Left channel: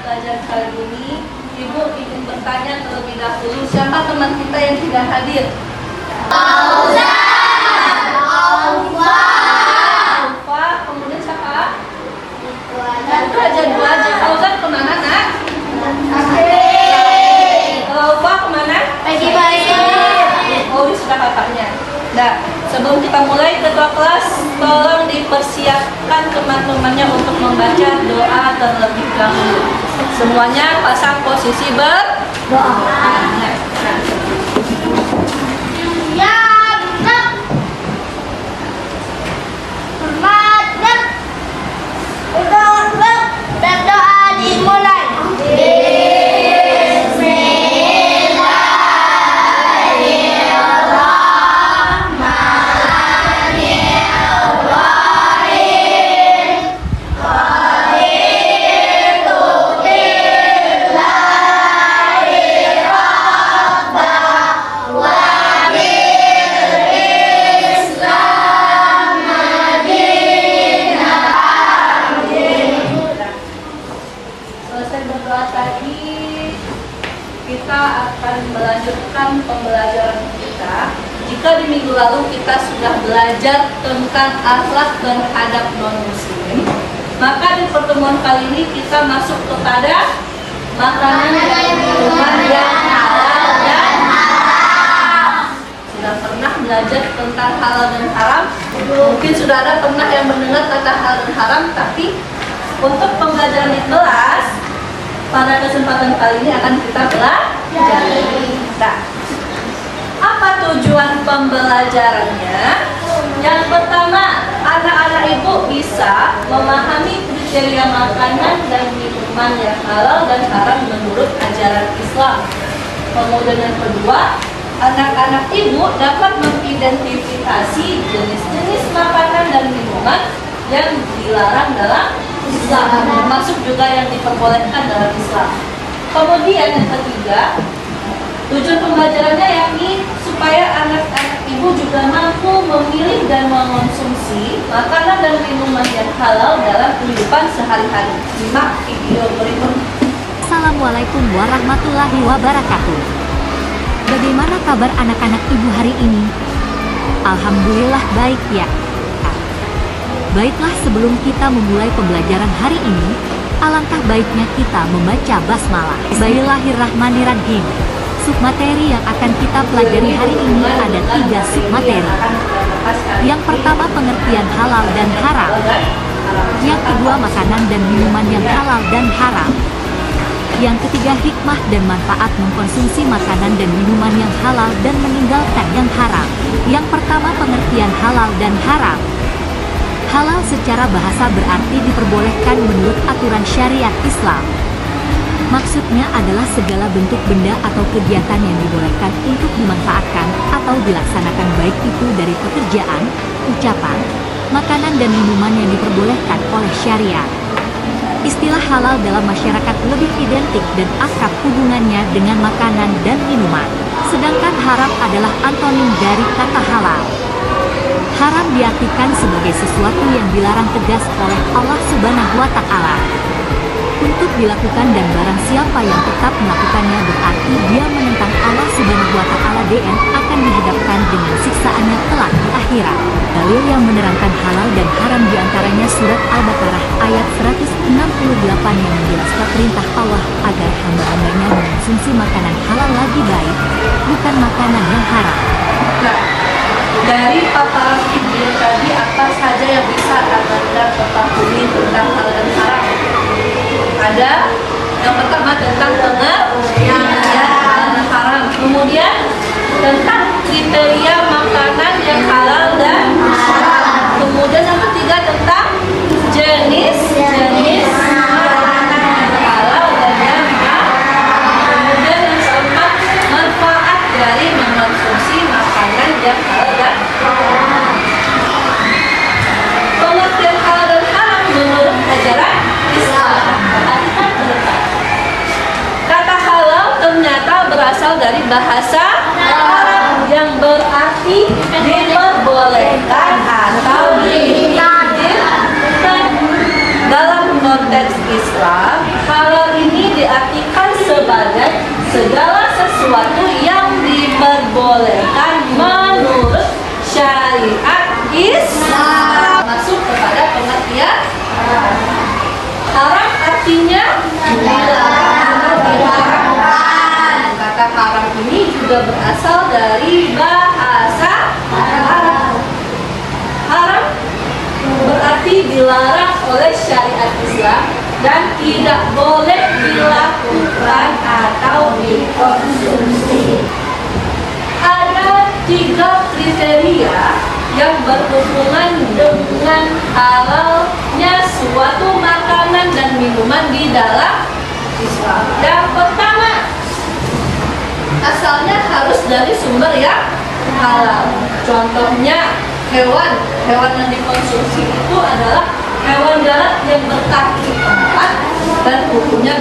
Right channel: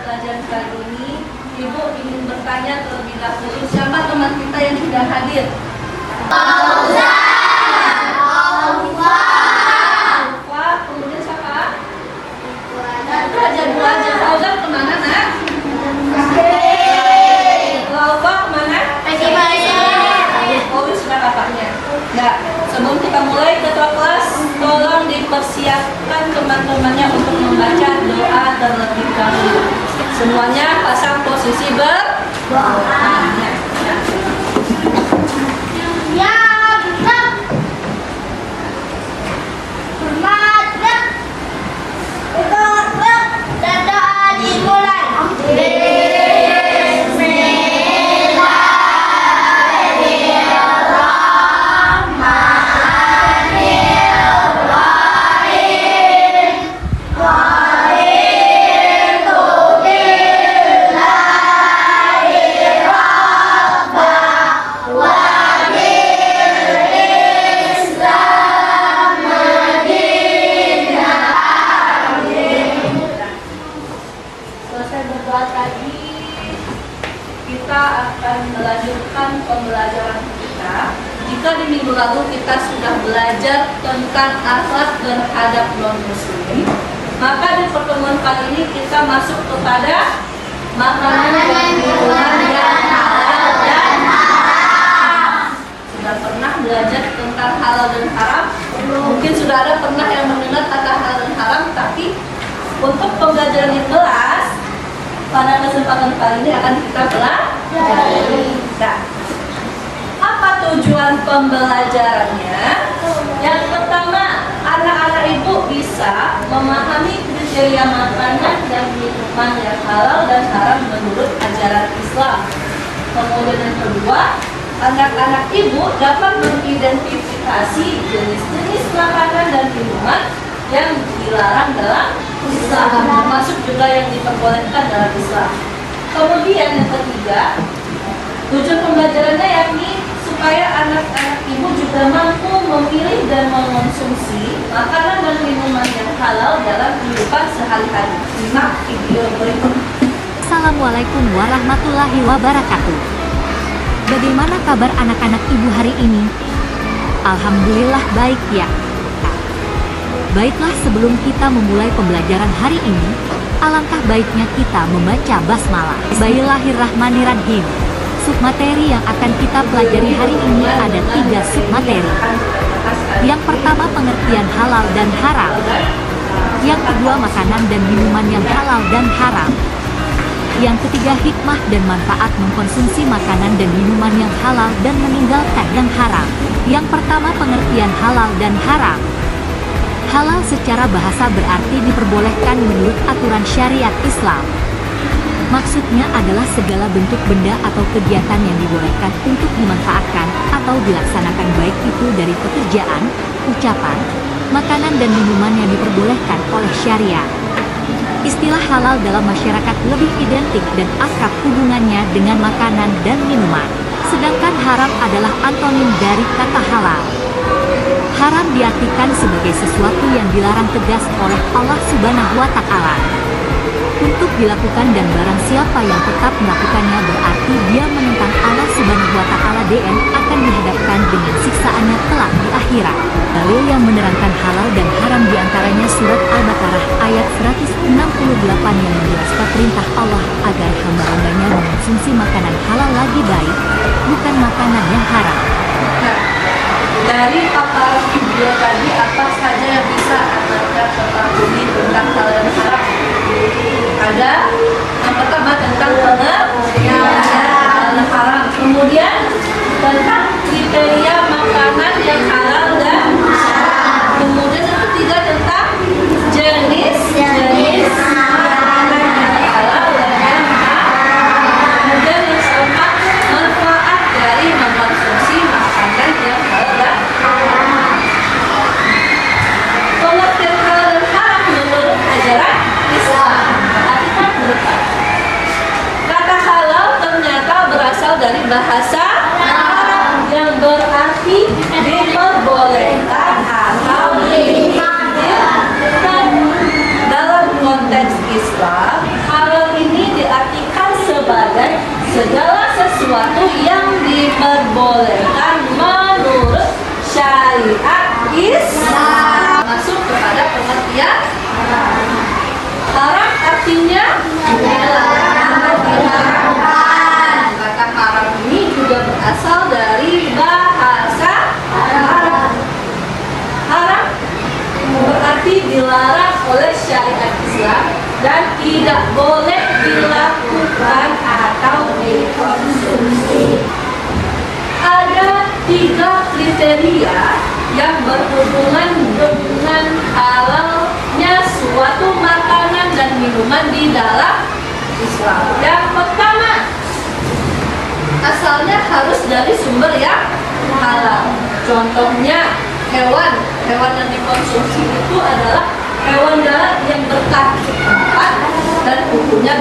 pelajaran kali ini, Ibu ingin bertanya terlebih dahulu, siapa teman kita yang tidak hadir? Wah, kemudian siapa? Itu aja dua aja. Fauzan kemana, nak? Laufa kemana? Oh, sudah kakaknya. Nah, sebelum kita mulai, ketua kelas tolong dipersiapkan teman-temannya untuk membaca doa terlebih dahulu. Semuanya pasang posisi berdoa. Berdoa dimulai. Selesai berdoa tadi, kita akan melanjutkan pembelajaran kita. Jika di minggu lalu kita sudah belajar tentang akhlak dan adab non-muslim, maka di pertemuan kali ini kita masuk kepada makanan dan minuman yang halal dan haram. Sudah pernah belajar tentang halal dan haram? Mungkin sudah ada pernah yang mendengar kata halal dan haram, tapi untuk pembelajaran di kelas, pada kesempatan kali ini akan kita pelajari. Nah, apa tujuan pembelajarannya? Yang pertama, anak-anak ibu bisa memahami kriteria makanan dan minuman yang halal dan haram menurut ajaran Islam. Kemudian yang kedua, anak-anak ibu dapat mengidentifikasi jenis-jenis makanan dan minuman yang dilarang dalam Islam, termasuk juga yang diperbolehkan dalam Islam. Kemudian yang ketiga, tujuan pembelajarannya yakni supaya anak-anak ibu juga mampu memilih dan mengonsumsi makanan dan minuman yang halal dalam kehidupan sehari-hari. Simak video berikut. Assalamualaikum warahmatullahi wabarakatuh. Bagaimana kabar anak-anak ibu hari ini? Alhamdulillah baik ya. Baiklah, sebelum kita memulai pembelajaran hari ini, alangkah baiknya kita membaca basmalah. Bismillahirrahmanirrahim. Submateri yang akan kita pelajari hari ini ada 3 submateri. Yang pertama, pengertian halal dan haram. Yang kedua, makanan dan minuman yang halal dan haram. Yang ketiga, hikmah dan manfaat mengkonsumsi makanan dan minuman yang halal dan meninggalkan yang haram. Yang pertama, pengertian halal dan haram. Halal secara bahasa berarti diperbolehkan menurut aturan syariat Islam. Maksudnya adalah segala bentuk benda atau kegiatan yang dibolehkan untuk dimanfaatkan atau dilaksanakan, baik itu dari pekerjaan, ucapan, makanan dan minuman yang diperbolehkan oleh syariat. Istilah halal dalam masyarakat lebih identik dan akrab hubungannya dengan makanan dan minuman. Sedangkan haram adalah antonim dari kata halal. Haram diartikan sebagai sesuatu yang dilarang tegas oleh Allah Subhanahu wa Ta'ala untuk dilakukan, dan barang siapa yang tetap melakukannya berarti dia menentang Allah Subhanahu wa Ta'ala dan akan dihadapkan dengan siksaannya kelak di akhirat. Dalil yang menerangkan halal dan haram diantaranya surat Al-Baqarah ayat 168 yang menjelaskan perintah Allah agar hamba-hambanya mengonsumsi makanan halal lagi baik, bukan makanan yang haram. Dari paparan video tadi, apa saja yang bisa Anda ketahui tentang halal dan haram? Ada yang pertama tentang pengertian halal dan haram, kemudian tentang kriteria makanan yang halal dan haram, kemudian yang ketiga tentang jenis-jenis makanan yang halal dan yang haram, kemudian yang keempat manfaat dari mengkonsumsi makanan yang halal dan haram. Pengertian halal dan haram menurut ajaran Islam. Kata halal ternyata berasal dari bahasa Arab yang berarti diperbolehkan atau diizinkan. Dalam konteks Islam, halal ini diperbolehkan menurut syariat Islam. Masuk kepada pengertian haram artinya diharamkan. Kata haram ini juga berasal dari bahasa Arab. Haram berarti dilarang oleh syariat Islam dan tidak boleh dilakukan atau dikonsumsi. Ada 3 kriteria yang berhubungan dengan halalnya suatu makanan dan minuman di dalam Islam. Yang pertama, asalnya harus dari sumber yang halal. Contohnya hewan yang dikonsumsi itu adalah hewan darat yang berkaki 4 dan kukunya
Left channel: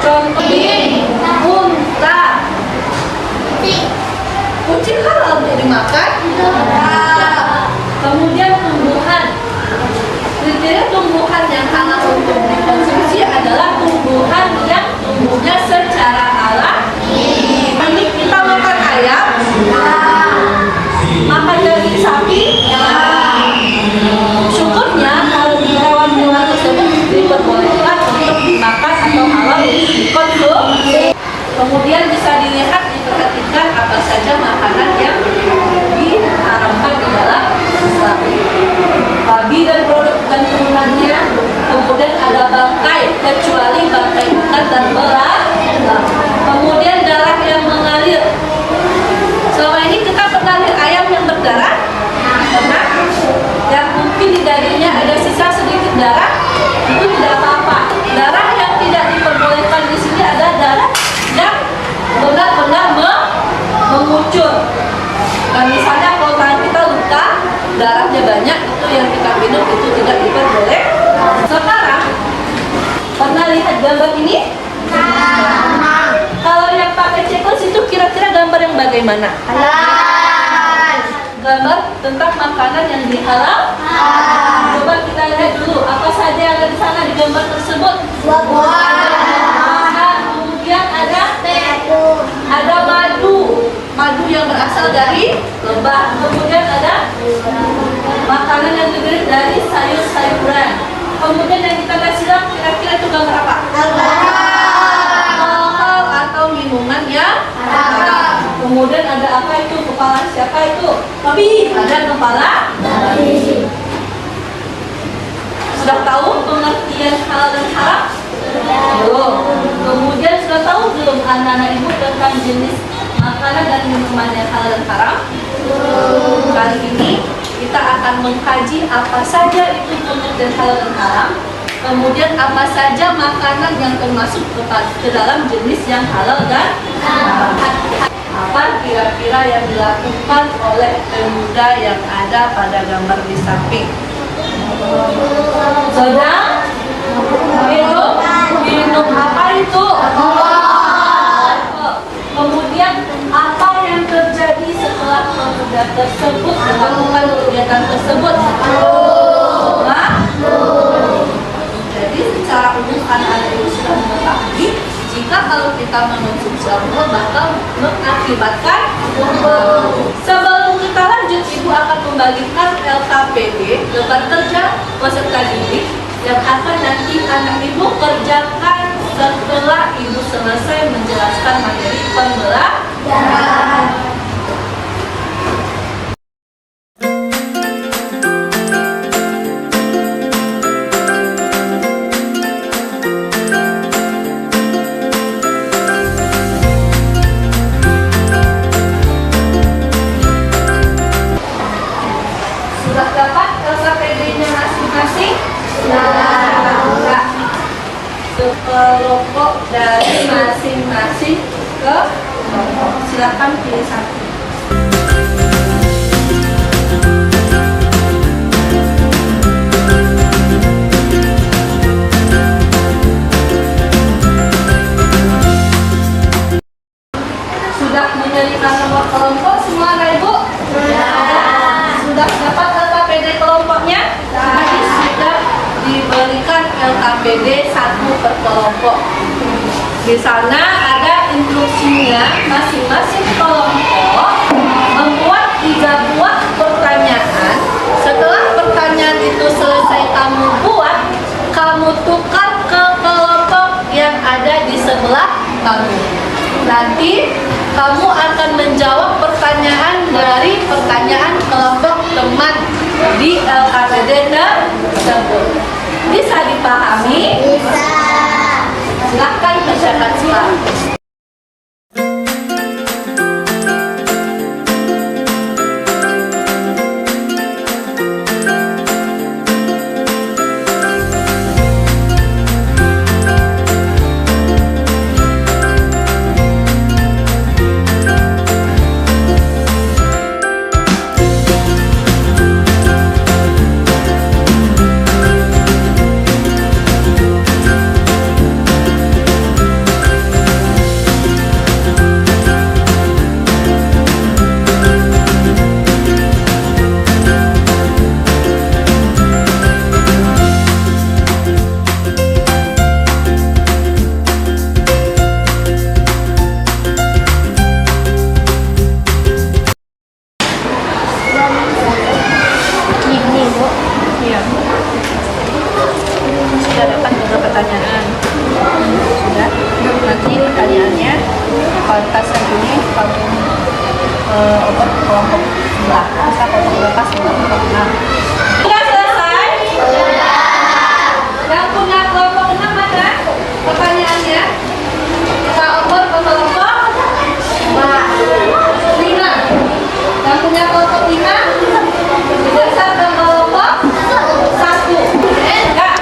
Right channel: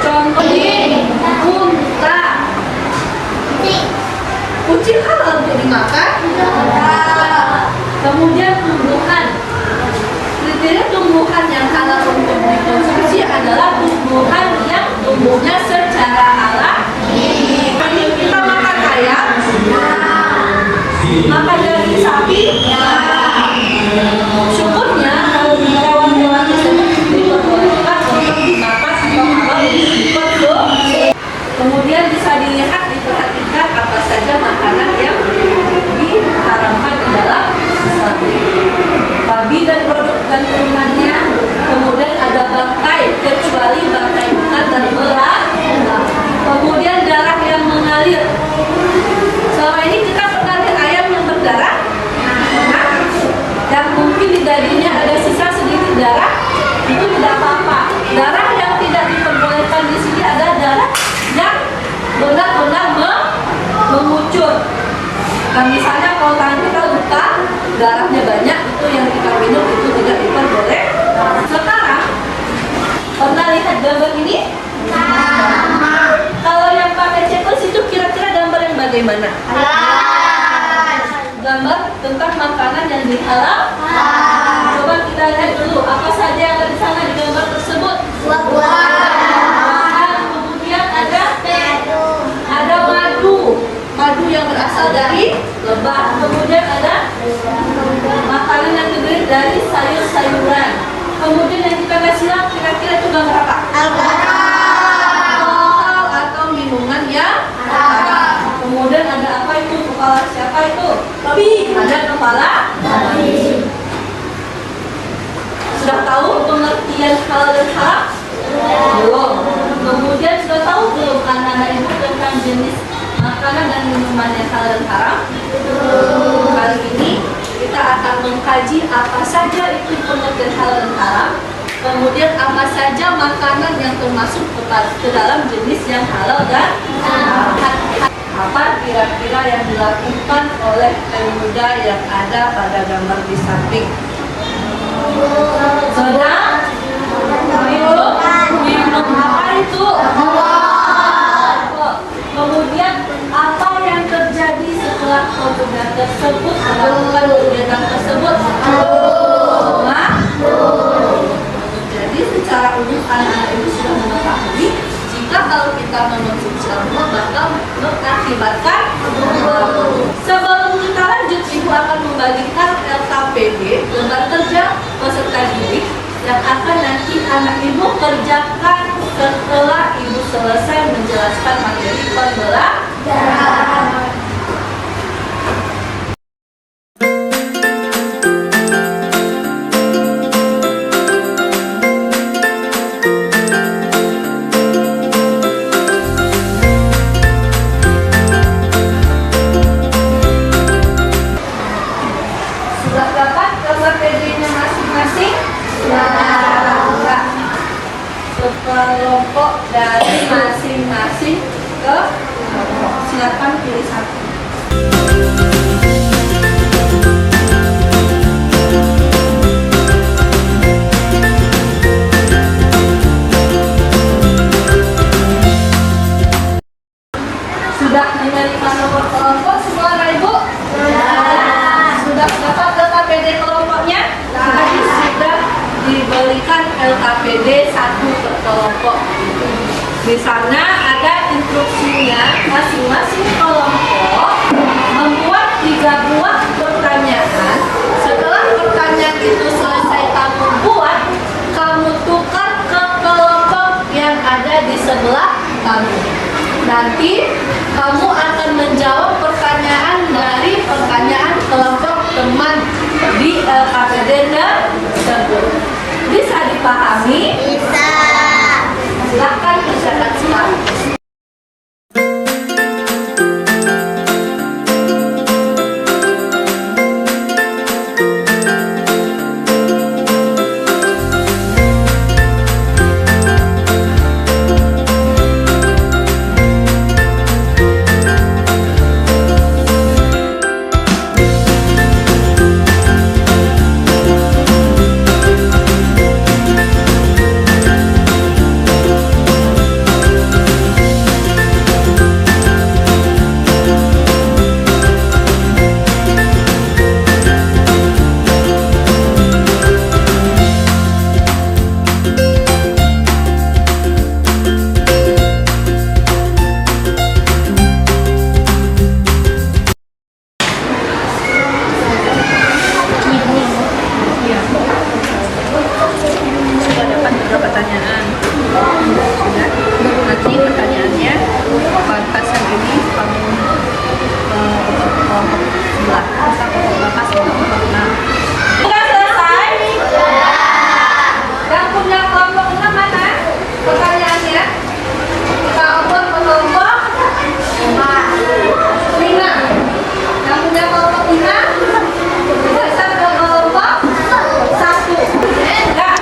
contoh ini unta. Kucing halal untuk dimakan. Kemudian tumbuhan. Kriteria tumbuhan yang halal untuk dikonsumsi adalah tumbuhan yang tumbuhnya secara alami. Ini kita makan ayam, makan daging sapi. Syukurnya hewan-hewan tersebut diperbolehkan untuk dimakan atau halal untuk dikonsumsi. Kemudian bisa dilihat, diperhatikan apa saja makanan yang diharamkan di dalam Islam. Babi dan produk dan turunannya, kemudian ada bangkai kecuali bangkai ikan dan berat, kemudian darah yang mengalir. Selama ini kita pernah lihat ayam yang berdarah? Pernah? Yang mungkin di dagingnya ada sisa sedikit darah, itu tidak apa-apa. Darah yang tidak diperbolehkan di sini ada darah yang benar-benar mengucur. Nah, misalnya kalau tangan kita luka, darahnya banyak, itu yang kita minum itu tidak diperbolehkan. Sekarang, pernah lihat gambar ini? Kalau yang pakai checklist itu kira-kira gambar yang bagaimana? Gambar tentang makanan yang dihalal. Coba kita lihat dulu apa saja yang ada di sana di gambar tersebut. Kemudian ada madu yang berasal dari lebah. Kemudian ada makanan yang terdiri dari sayur-sayuran. Kemudian yang kita kasih siram kira-kira itu gambar apa? Alkohol atau minuman yang haram. Kemudian ada apa itu? Kepala siapa itu? Babi. Ada kepala babi. Sudah tahu pengertian halal dan haram? Belum. Kemudian sudah tahu belum anak-anak ibu tentang jenis makanan dan minuman yang halal dan haram? Kali ini kita akan mengkaji apa saja itu pengertian halal dan haram. Kemudian apa saja makanan yang termasuk ke dalam jenis yang halal dan haram. Apa kira-kira yang dilakukan oleh pemuda yang ada pada gambar di samping? Sedang minum apa itu? Kemudian apa yang terjadi setelah pemuda tersebut melakukan kegiatan tersebut? Jadi secara umum anak-anak itu sudah mengetahui jika kalau kita mengonsumsi alkohol bakal mengakibatkan Sebelum kita lanjut, Ibu akan membagikan LKPD, lembar kerja peserta didik, yang akan nanti anak Ibu kerjakan setelah Ibu selesai menjelaskan materi pembelajaran. Kelompok dari masing-masing ke kelompok. Silakan pilih satu. Sudah menerima nomor kelompok semua, Ibu? Sudah dapat LKPD kelompoknya? Tadi sudah diberikan LKPD 1 per kelompok. Di sana ada instruksinya, masing-masing kelompok membuat 3 buah pertanyaan. Setelah pertanyaan itu selesai kamu buat, kamu tukar ke kelompok yang ada di sebelah kamu. Nanti kamu akan menjawab pertanyaan dari pertanyaan kelompok teman di LKPD tersebut. Bisa dipahami? Bisa. Silahkan kerjakan sekarang. Sudah dapat beberapa pertanyaan. Sudah. Nanti pertanyaannya pasal ini kamu obat kelompok sebelah. Masa kelompok berapa? Kelompok 6. Sudah selesai? Yang punya kelompok 6 mana? Pertanyaannya? Kita obat ke kelompok 5. Yang punya kelompok 5? Bisa ke kelompok 1. Enggak.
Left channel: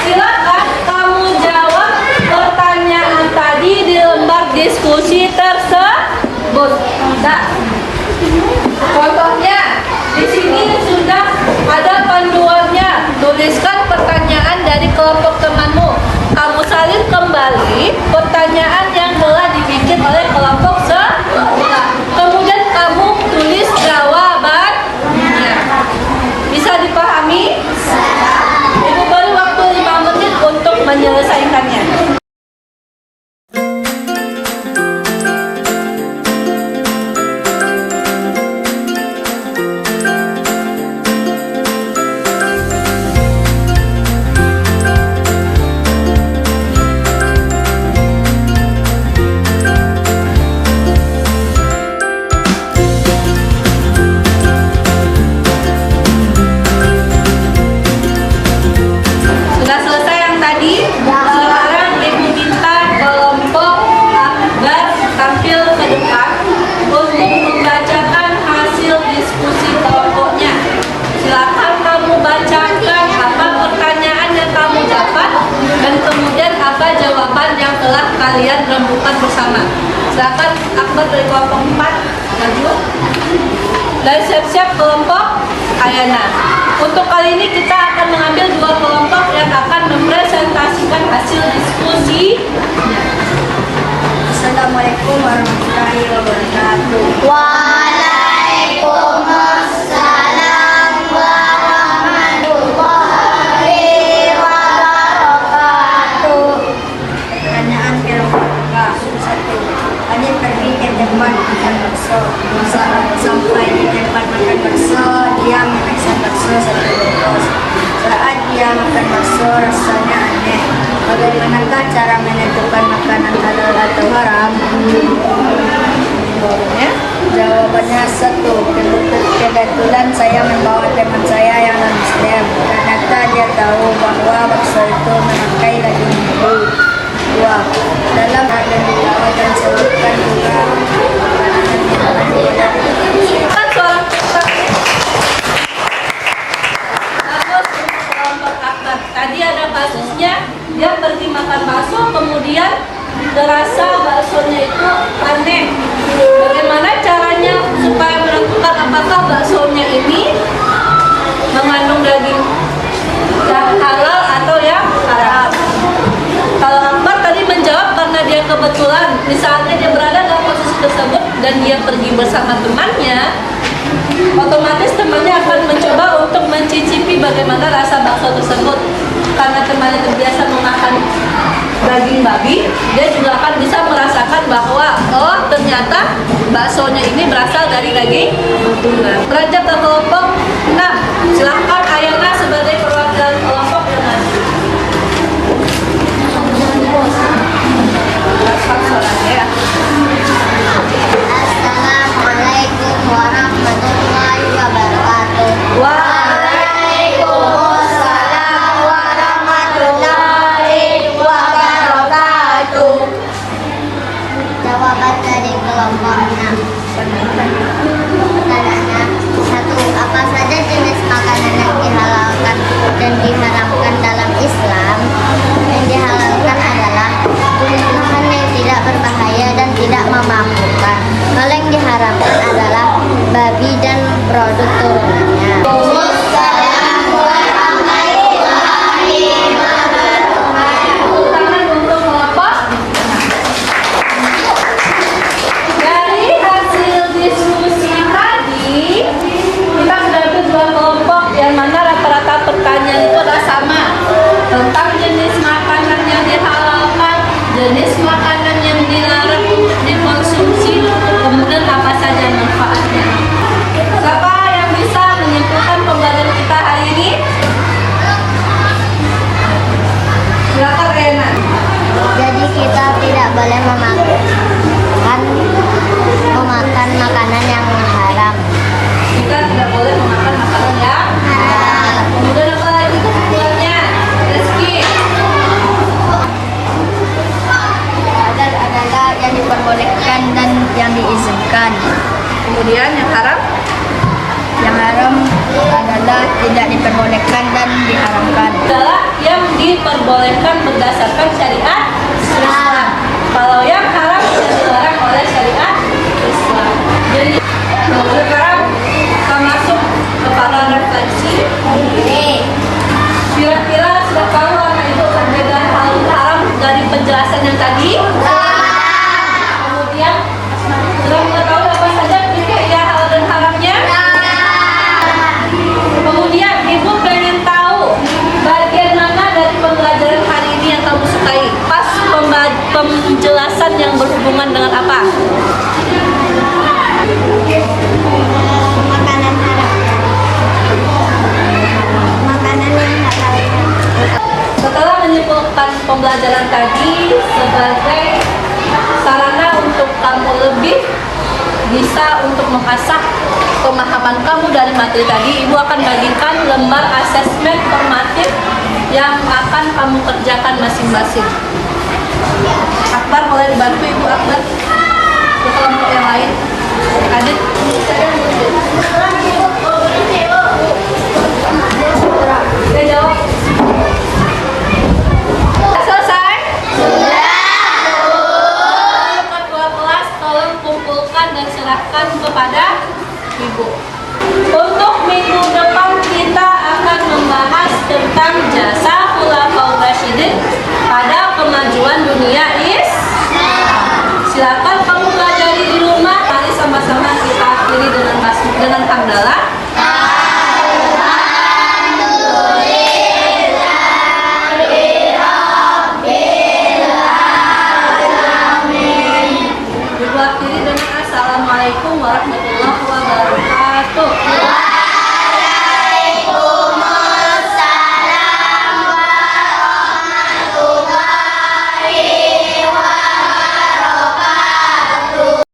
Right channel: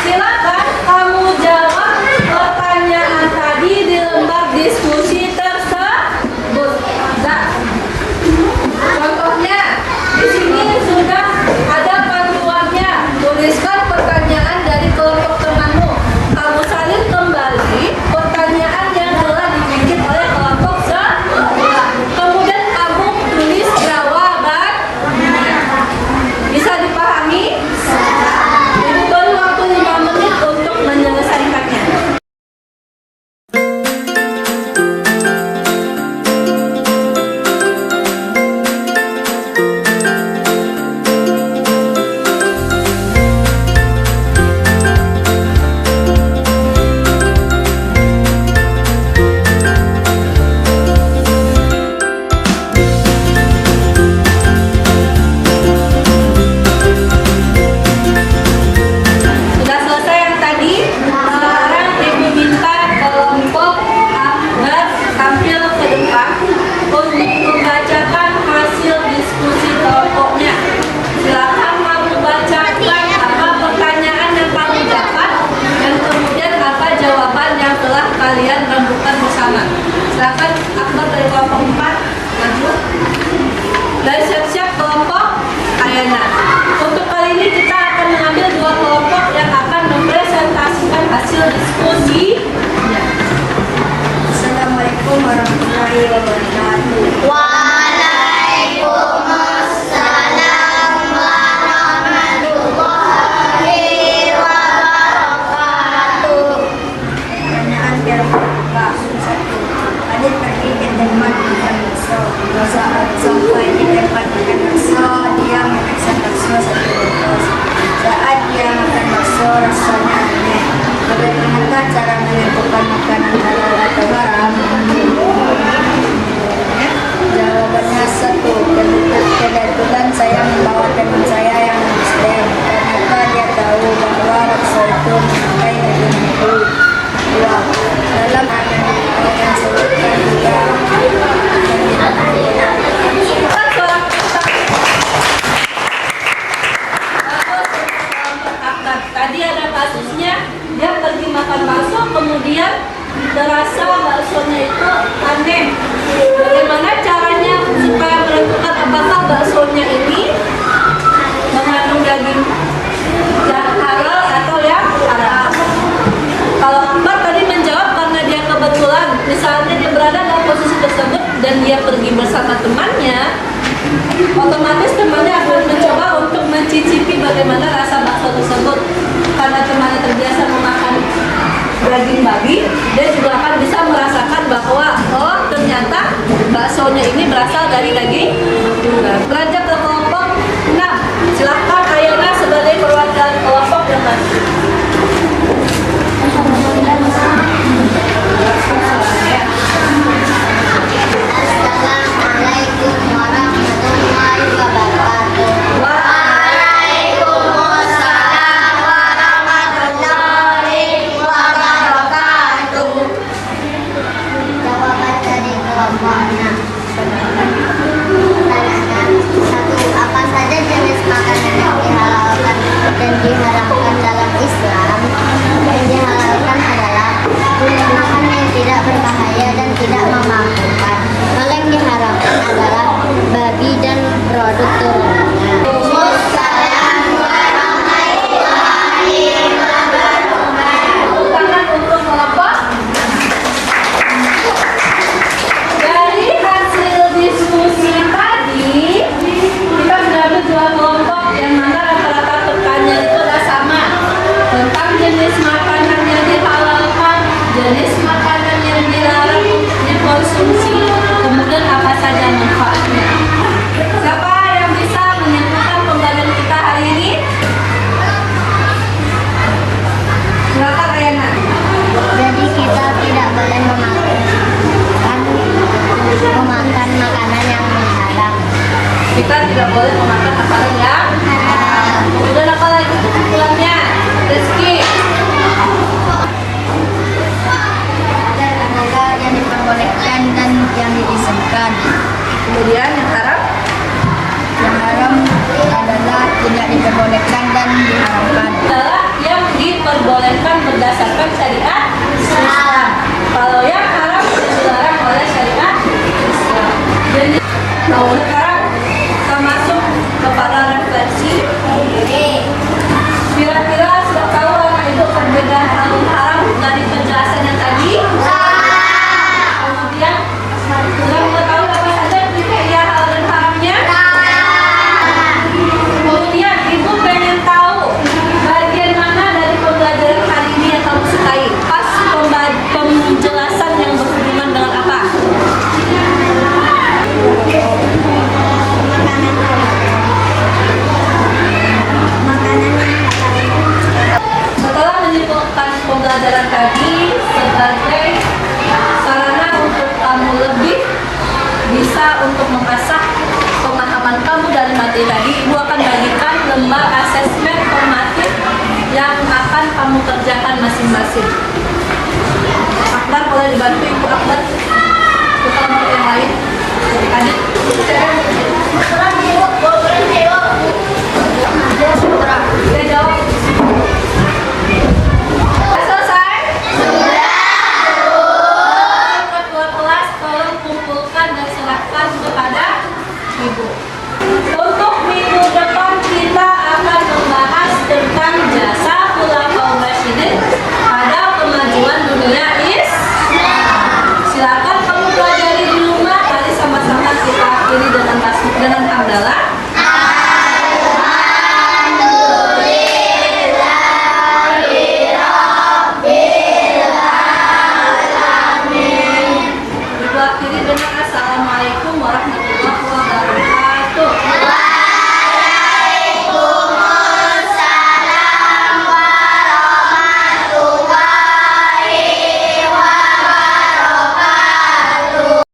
Silakan kamu jawab pertanyaan tadi di lembar diskusi tersebut. Nah, contohnya di sini sudah ada panduannya. Tuliskan pertanyaan dari kelompok temanmu. Kamu salin kembali pertanyaan yang telah dibikin oleh kelompok sebelah. Kemudian kamu tulis jawabannya. Bisa dipahami? Ibu beri waktu 5 menit untuk menyelesaikannya. Sudah selesai yang tadi? Sekarang Ibu minta kelompok Akbar tampil ke depan untuk membacakan hasil diskusi kelompoknya. Silakan kamu bacakan apa pertanyaan yang kamu dapat dan kemudian apa jawaban yang telah kalian rembukan bersama. Silakan Akbar dari kelompok 4 maju. Dan siap-siap kelompok Ayana. Untuk kali ini kita akan mengambil 2 kelompok yang akan mempresentasikan hasil diskusi. Assalamualaikum warahmatullahi wabarakatuh. Waalaikumsalam warahmatullahi wabarakatuh. Pertanyaan kelompok 1. Adit pergi ke tempat makan bakso. Saat sampai di tempat makan bakso, dia memesan bakso 1 bungkus. Saat dia makan bakso, rasanya aneh. Bagaimanakah cara menentukan makanan halal atau haram? Jawabannya 1. Kebetulan saya membawa teman saya yang non-muslim. Ternyata dia tahu bahwa bakso itu memakai daging babi. 2. Dalam adan dilakukan sebutkan juga makanan dan minuman boleh. Kan seorang peserta. Bagus untuk kelompok Akbar. Tadi ada kasusnya, dia pergi makan bakso, kemudian terasa baksonya itu aneh. Bagaimana caranya supaya menentukan apakah baksonya ini mengandung daging yang halal atau yang haram? Kalau Akbar tadi menjawab karena dia kebetulan, misalnya dia berada dalam posisi tersebut dan dia pergi bersama temannya, otomatis temannya akan mencoba untuk mencicipi bagaimana rasa bakso tersebut. Karena temannya terbiasa memakan daging babi, dia juga akan bisa merasakan bahwa oh ternyata baksonya ini berasal dari daging babi. Beranjak ke kelompok 6. Silahkan ayahnya sebagai perwakilan kelompok yang maju. Assalamualaikum warahmatullahi wabarakatuh. Waalaikumsalam warahmatullahi wabarakatuh. Jawaban dari kelompok 6. Pertanyaannya, 1. Apa saja jenis makanan yang dihalalkan dan diharamkan dalam Islam? Yang dihalalkan adalah makanan yang tidak berbahaya dan tidak memabukkan. Kalau yang diharamkan adalah babi dan produk turunannya. Tangan untuk kelompok. Dari hasil diskusi tadi, kita sudah ambil 2 kelompok yang mana rata-rata pertanyaan itu adalah sama tentang jenis makanan yang dihalalkan, jenis makanan yang dilarang untuk dikonsumsi, kemudian apa saja manfaatnya. Siapa yang bisa menyimpulkan pembelajaran kita hari ini? Silakan Rena. Jadi kita tidak boleh memakan makanan yang haram. Kita tidak boleh memakan makanan yang Haram. kemudian apa lagi kesimpulannya? Rizky. Dan adalah yang diperbolehkan dan yang diizinkan. Kemudian yang haram? Yang haram adalah tidak diperbolehkan dan diharamkan. Adalah yang diperbolehkan berdasarkan syariat Islam. Kalau yang haram yang dilarang oleh syariat Islam. Jadi sekarang kita masuk kepada refleksi. Kira-kira sudah tahu anak itu perbedaan halal haram dari penjelasan yang tadi? Kemudian sudah mengetahui apa saja kriteria halal dan haramnya? Kemudian ibu pengen tahu bagian mana dari pembelajaran hari ini yang kamu sukai? Pas penjelasan yang berhubungan dengan apa? Makanan haram. Makanan yang halal. Setelah menyimpulkan pembelajaran tadi sebagai sarana untuk kamu lebih bisa untuk mengasah pemahaman kamu dari materi tadi, ibu akan bagikan lembar asesmen formatif yang akan kamu kerjakan masing-masing. Akbar boleh dibantu ibu Akbar ke kelompok yang lain. Adit. Udah jawab. Sudah selesai? Ketua kelas tolong kumpulkan dan serahkan kepada ibu. Untuk minggu depan kita akan membahas tentang jasa Khulafaur Rasyidin pada kemajuan dunia Silakan kamu pelajari di rumah. Mari sama-sama kita akhiri dengan hamdalah. Ibu akhiri dengan assalamualaikum warahmatullahi wabarakatuh.